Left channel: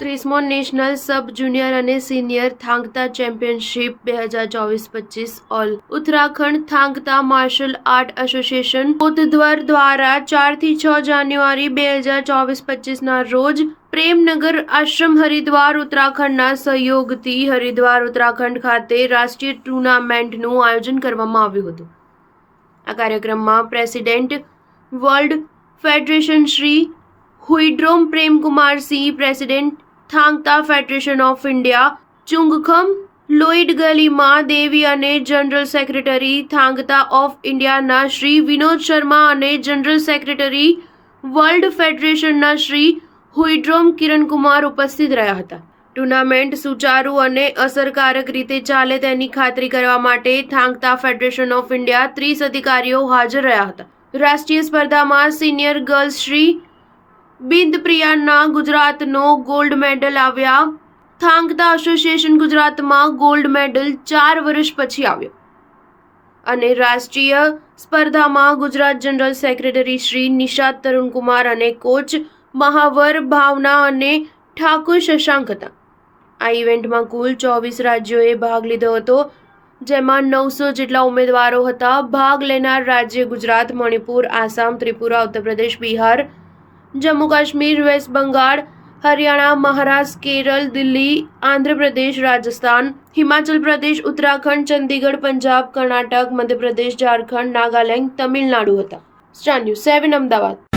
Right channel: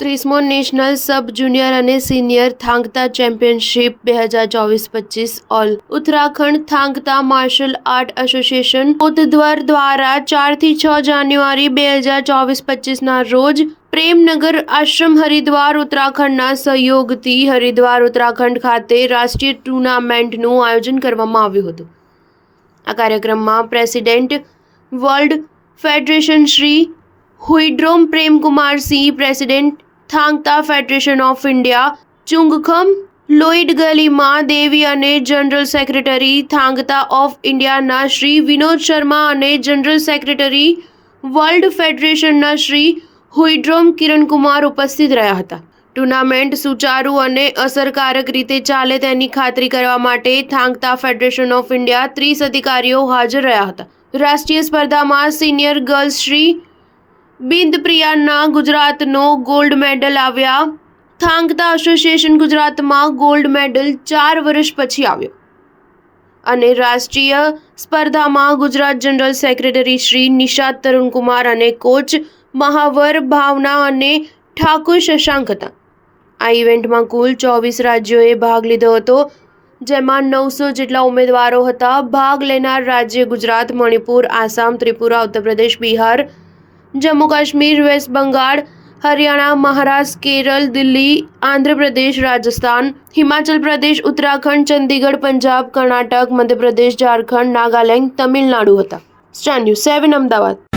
30મો national sub junior અને senior Thangta championship 2024-25 all Uttarakhand Thangta martial art association Kotdwar દ્વારા 4 થી 6 જાન્યુઆરી 2024-25 ના રોજ પ્રેમનગર આશ્રમ હરિદ્વાર ઉત્તરાખંડના સહયોગથી હરિદ્વાર ઉત્તરાખંડ ખાતે રાષ્ટ્રીય ટુર્નામેન્ટનું આયોજન કરવામાં આવ્યું હતું। આ કાર્યક્રમમાં president world federation Shri Huidrom Premkumar Singh, president Thangta federation of India Chungkham Loid Galima Devi અને જનરલ સેક્રેટરી થાંગતા ઓફ ઇન્ડિયાના શ્રી વિનોદ શર્મા અને જનરલ સેક્રેટરી વર્લ્ડ ફેડરેશનના શ્રી હુઈડ્રોમ કિરણકુમાર ઉપસ્થિત રહ્યા હતા। ટુર્નામેન્ટ સુચારુ અને અસરકારક રીતે ચાલે તેની ખાતરી કરવા માટે થાંગતા ફેડરેશન ઓફ ઇન્ડિયા 30 અધિકારીઓ હાજર રહ્યા હતા। રાષ્ટ્રીય સ્પર્ધામાં સિનિયર ગર્લ્સ શ્રી બિંદપ્રિયાના ગુજરાતનો ગોલ્ડ મેડલ આવ્યા। થાંગતા એસોસિએશન ગુજરાતમાં ગોલ્ડ મેડલ 4 વર્ષ પછી આવ્યો અને રાષ્ટ્રીય સ્પર્ધામાં ગુજરાત જનરલ સેક્રેટરી શ્રી નિષાદ તરુણકુમાર અને કોચ મહાવર ભાવના અને ઠાકુર શશાંક હતા। આ ઇવેન્ટમાં કુલ 24 રાજ્યોએ ભાગ લીધો હતો, જેમાં 900 જેટલા ઉમેદવારો હતા। ભાગ લેનાર રાજ્ય ગુજરાત, મણિપુર, આસામ, ત્રિપુરા, ઉત્તર પ્રદેશ, બિહાર, જમ્મુ કાશ્મીર, વેસ્ટ બંગાળ, હરિયાણા, મહારાષ્ટ્ર, કેરળ, દિલ્હી, આંધ્રપ્રદેશ, રાજસ્થાન, હિમાચલ પ્રદેશ, ઉત્તરાખંડ, ચંદીગઢ, પંજાબ, કર્ણાટક, મધ્યપ્રદેશ, ઝારખંડ, નાગાલેન્ડ, તમિલનાડુ હતા। Star news 7 Ahmedabad.